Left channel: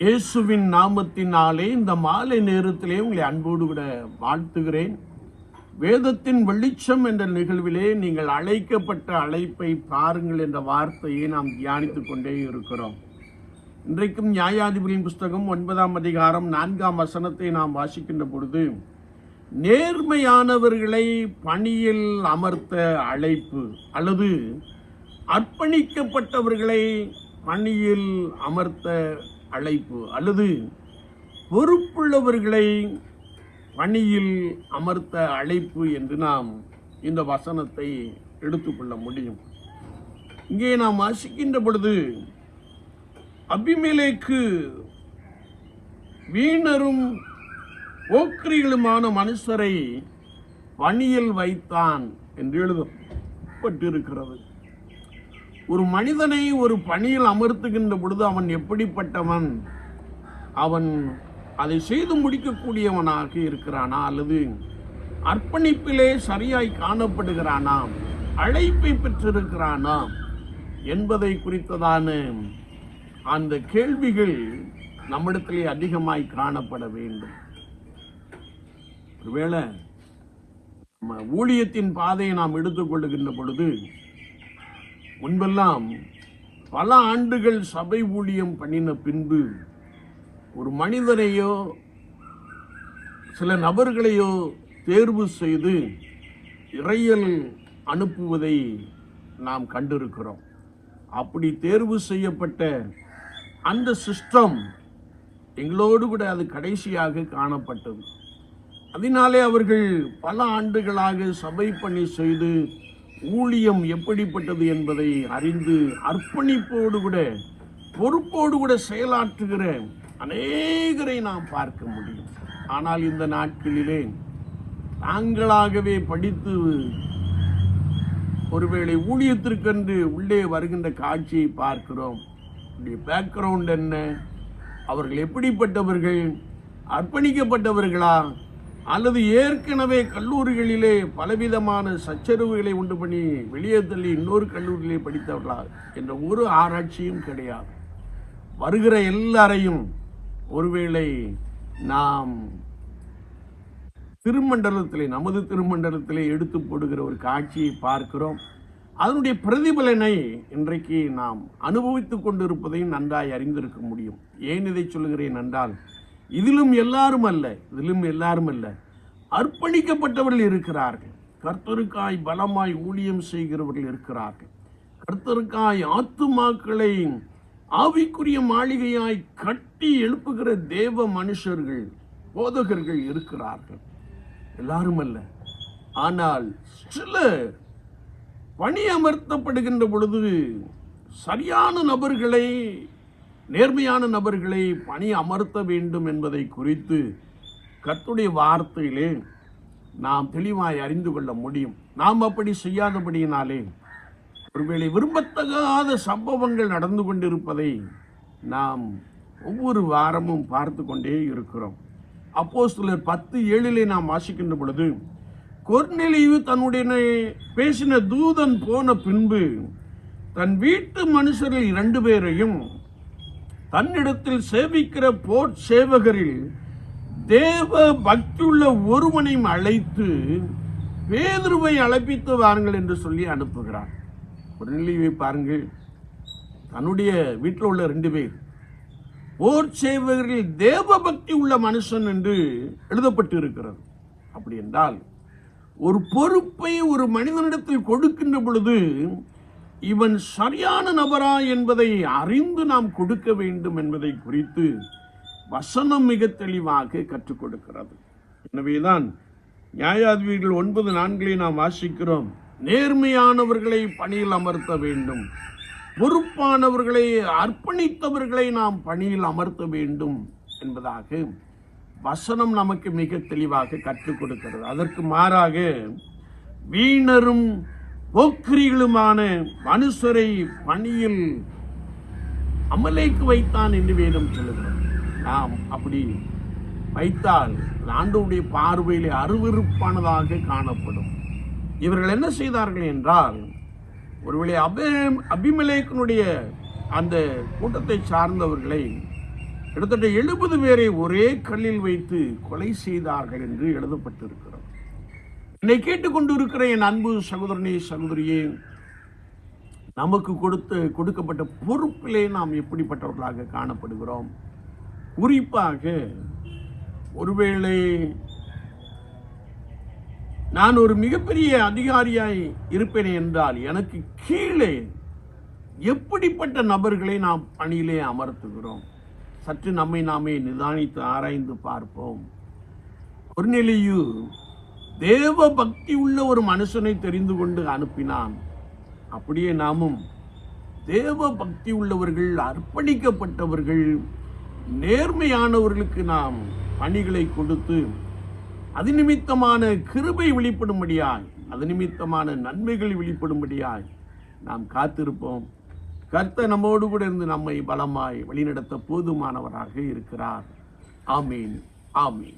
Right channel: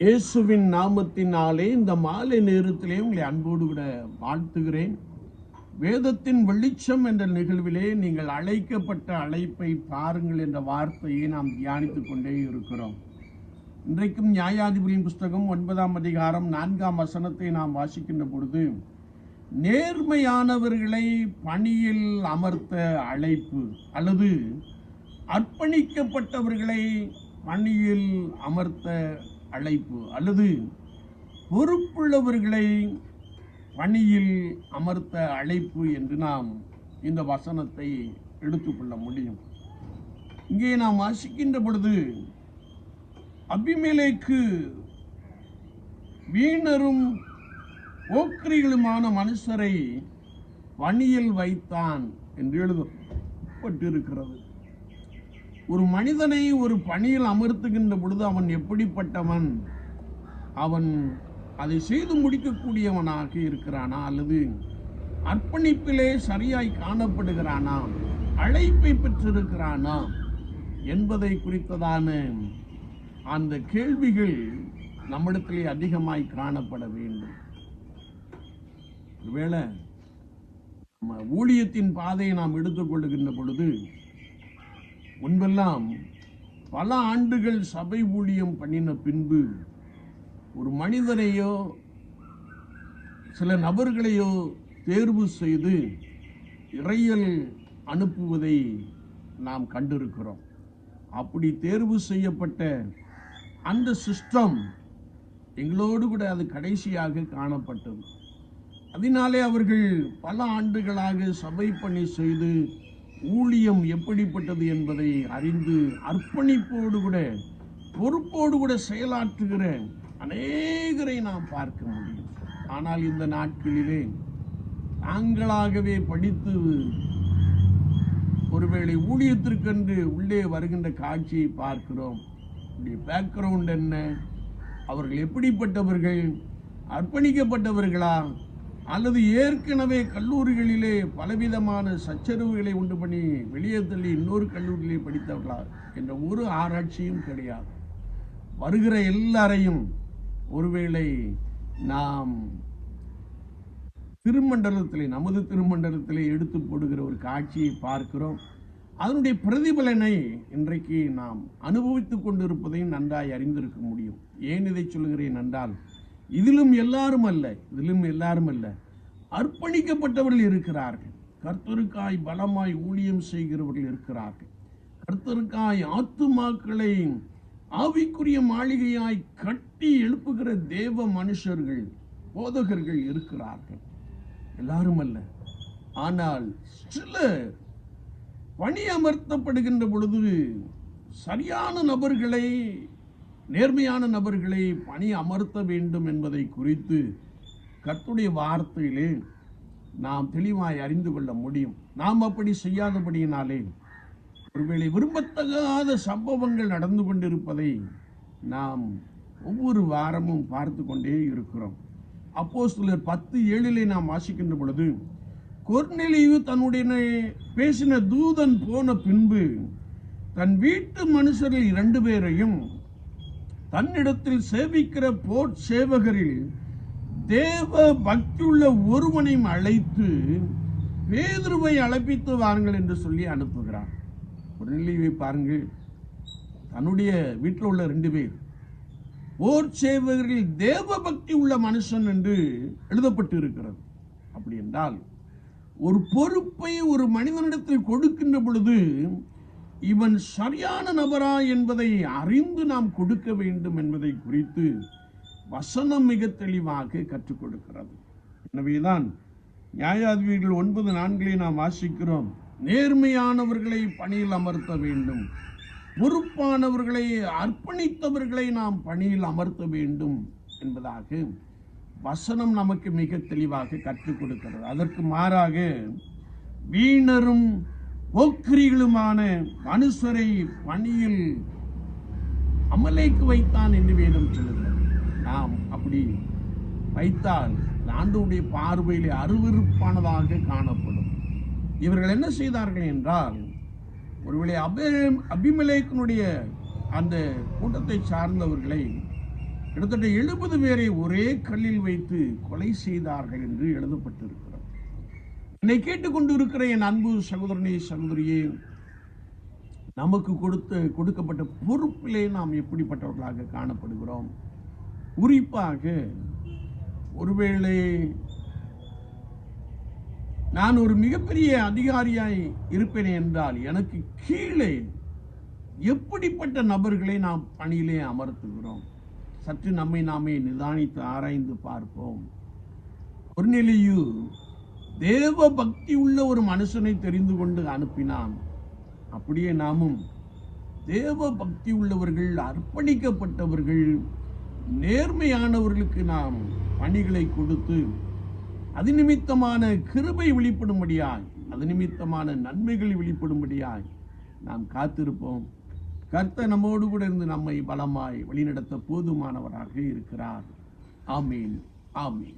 இயேசுவின் நாமத்தினாலே இந்த மாலை நேரத்திலே உங்களை அன்போடு விட வாழ்த்துகிறேன். வேதத்தின் வெளிச்சம் என்ற நிகழ்விலே நீங்கள் அழைக்கப்பட்ட அழைப்பை பாருங்கள் என்ற வார்த்தையை நாம் தியானித்துக் கொண்டே இருக்கிறோம். இன்றைக்கும் நியாயாதிபதியின் புஸ்தகம் 9ஆம் அதிகாரம் 4ஆம் வசனத்தை நாம் வாசிக்கின்ற பொழுது, நேர்மையானவர்களை பணியில் அமர்த்த அழைப்பு அல்லது அர்ப்பணிக்கப்பட்டவர்களை பணியில் அமர்த்த அழைப்பு அல்லது பொறுப்புள்ளவர்களை பணியில் அமர்த்த அழைப்பு என்று நாம் இந்த வசனத்தை எடுத்துக்கொள்ள முடியும். இங்கே நாம் வாசிக்கின்ற பொழுது, அபிமெலேக்கு வீணரும் போக்கிரிகளுமான மனுஷரை பணியில் வைத்தான் என்று எழுதப்பட்டிருக்கிறது. ஒரு மனிதனை ஒரு பணியில் அமர்த்துகின்ற பொழுது அவன் எப்படிப்பட்டவன்? அவன் அதை செய்து முடிக்கக்கூடியவனாக இருக்கிறானா அல்லது அர்ப்பணிப்பிலே சரியாய் காணப்படுகிறானா, அழைப்பை பெற்றிருக்கிறானா என்பதை குறித்ததான அந்த கேள்விகள் நம்மிடத்திலே அதிகமாய் காணப்பட வேண்டும். ஒருவேளை நம்ம ஊழியத்தின் பாதையை நாம் எடுத்துக்கொள்ளுகின்ற பொழுது, முன்பெல்லாம் பல ஆண்டுகள் சபை ஊழியம் பண்ணின பின்பு ஒரு மனிதனையோ சில நபர்களையோ தேர்வு செய்து இறையல் அனுப்புவதை நாம் கண்டிருக்கிறோம். அப்படி தேர்வு செய்யப்பட்ட அந்த சிஸ்டம் எங்களோடு கூட அது கடைசியாக காணப்பட்டது. அதனாலே அவர்கள் பல ஆண்டுகளாக சபை பணி செய்து ஊழியம் எப்படிப்பட்டது என்பதை அறிந்து அர்ப்பணிப்போடு கூட பொறுப்போடு கூட செயலாற்றுகிற அநேகரை நாம் பார்க்க முடியும். ஆனால் இந்த நாட்களிலே நாங்களாகவே படித்து ஒருவேளை ஊழியத்திற்கென்று உள்ளே வருகின்ற காட்சியை பார்க்கிறோம். பேக்ரவுண்ட் என்ன? அவர்கள் எப்படிப்பட்டவர்கள்? அர்ப்பணிக்கப்பட்டவர்களா அல்லது ஏற்கனவே கல்லூரிகளிலே பலவிதமான சச்சரவுகளை உண்டு பண்ணி வெளியே தள்ளி இன்னொரு கல்லூரியிலே படித்தவர்களா என்ற ஒரு ஆராய்ச்சியும் கிடையாது. வருகிற எல்லாரையும் ஒருவேளை நாம் திருமண்டலத்திலே, நமது திருமண்டலத்திலே எடுத்து போடுகிற ஒரு காட்சியை பார்க்கிறோம். அதனுடைய பிரதிபலனை இன்றைக்கு நாம் அனுபவித்துக் கொண்டிருப்பதையும் நன்றாய் அறிந்திருக்க முடியும். ஏன் இதை சொல்கிறேன் என்றால், இதிலும் எல்லாரும் அல்ல, அர்ப்பணிக்கப்பட்டவர்கள் இருக்கிறார்கள். கர்த்தருக்காய் பலமாய் ஊழியம் செய்கிறவர்கள் இருக்கிறார்கள். கர்த்தருக்காய் ஆத்துமாக்களை ஆவிக்குரிய மாளிகையாய் கட்டி எழுப்புகிற தேவ மனுஷர்கள், போதகர்கள் இருக்கிறார்கள். எல்லாரும் அல்ல. ஆனால் சிலர் பணி அமர்த்தப்படுகின்ற பொழுது சரியான நபர்களை, நேர்மையான நபர்களை பணி அமர்த்த வேண்டும் என்பதை குறித்து கர்த்தருடைய வார்த்தையிலே நாம் தெளிவாய் அறிந்து கொள்ள முடியும். நாம் அப்படி செய்யாதபடியினாலே ஒருவேளை விரும்பத்தகாத சம்பவங்கள் நடந்து கொண்டிருப்பதை நாம் ஒவ்வொரு வாரமும் பார்த்து கொண்டே இருக்கிறோம். அப்போஸ்தலர் 10:7 நாம் வாசிக்கின்ற பொழுது, கொர்நேலியு தன்னுடைய பேசின தூதன் போன பின்பு தன் வீட்டு மனுஷரில் 2 பேரையும் தன்னிடத்தில் சேவிக்கிற போர் சேவகரில் தேவ பக்தியுள்ள ஒருவனையும் அழைத்து பேதுருவை அழைப்பித்து வாருங்கள் என்று சொல்லி அனுப்புகிறார். கொர்நேலியுவை பாருங்கள், தன்னுடைய வீட்டில் உள்ள 2 பேர் போர் சேவகரில் தேவ பக்தி உள்ள மனுஷன் என்று எழுதப்பட்டு இருக்கிறது. அப்படி என்றால் ஒரு பொறுப்பை ஒரு மனிதனிடத்தில் கொடுக்கின்ற பொழுது இவன் சரியான நபரா என்பதை அறிந்து நாம் கொடுக்க வேண்டும் என்பதை குறித்து வசனம் மிக தெளிவாக கற்றுக் கொடுக்கிறது. எனவேதான் நியாயாதிபதிகள் 9:4 நாம் வாசிக்கிறோம், நேர்மையானவர்களை பணியில் அமர்த்த வேண்டும், பொறுப்பானவர்களை, அர்ப்பணித்தவர்களை நாம் பணியில் அமர்த்த வேண்டும் என்பதாக வசனம் நமக்கு மிக தெளிவாக கற்றுக் கொடுக்கிறது. அதற்கு மாறாக வீணரும் போக்கிரிகளுமான மனுஷரை பணியில் அமலேக்கு வைத்தான் என்று வேதம் சொல்லுகிறது. நாம் அப்படி வைத்தால் ஆண்டவருடைய பார்வையிலே அருவருப்பானதாக காணப்படும். இவர்கள் என்ன செய்தார்கள் என்றால், ஒருவேளை அபிமெலேக்கினுடைய அந்த கூட்டத்தை சார்ந்தவர்களை கிட்டத்தட்ட 70 பேரை ஒரே கல்லில் வைத்து கொலை செய்தார்கள் என்று எழுதப்பட்டிருக்கிறது. என்னை கேட்டுக்கொண்டிருக்கிற என் அன்பு சகோதரனே, சகோதரியே, நமக்கு கொடுக்கப்பட்ட பொறுப்பிலே நாம் எப்படிப்பட்டவர்களாக காணப்படுகிறோம்? குறிப்பாக ஒருவேளை நான் ஒரு மிகப்பெரிய அதிகாரியாய் இருப்பேனே என்றால் எனக்கு கீழே எப்படிப்பட்ட நபர்களை நாம் பணியிலே அமர்த்துகிறோம்? சற்று நம்மை நாமே நிதானித்து ஆராய்ந்து பார்ப்போம். கொர்நேலியு தேவ பக்தி உள்ள ஒரு மனுஷனை தெரிந்து கொண்டு அனுப்பினான். அப்படியே நாமும் தேவ பக்தி உள்ளவர்கள், அர்ப்பணிக்கப்பட்டவர்கள், நேர்மையானவர்களுக்கு நாம் பணிகளை கொடுத்து அது நிமித்தமான கிருபை வெளிப்படும்படியாய், அது நிமித்தமான நன்மைகள் வெளிப்படும்படியாய் நாம் காத்திருப்போம். கர்த்தர் நம்மோடு கூட இருந்து நம்மை பலமாய் வழிநடத்த போதுமானவராக இருக்கிறார். ஆமீன், ஆமீன்.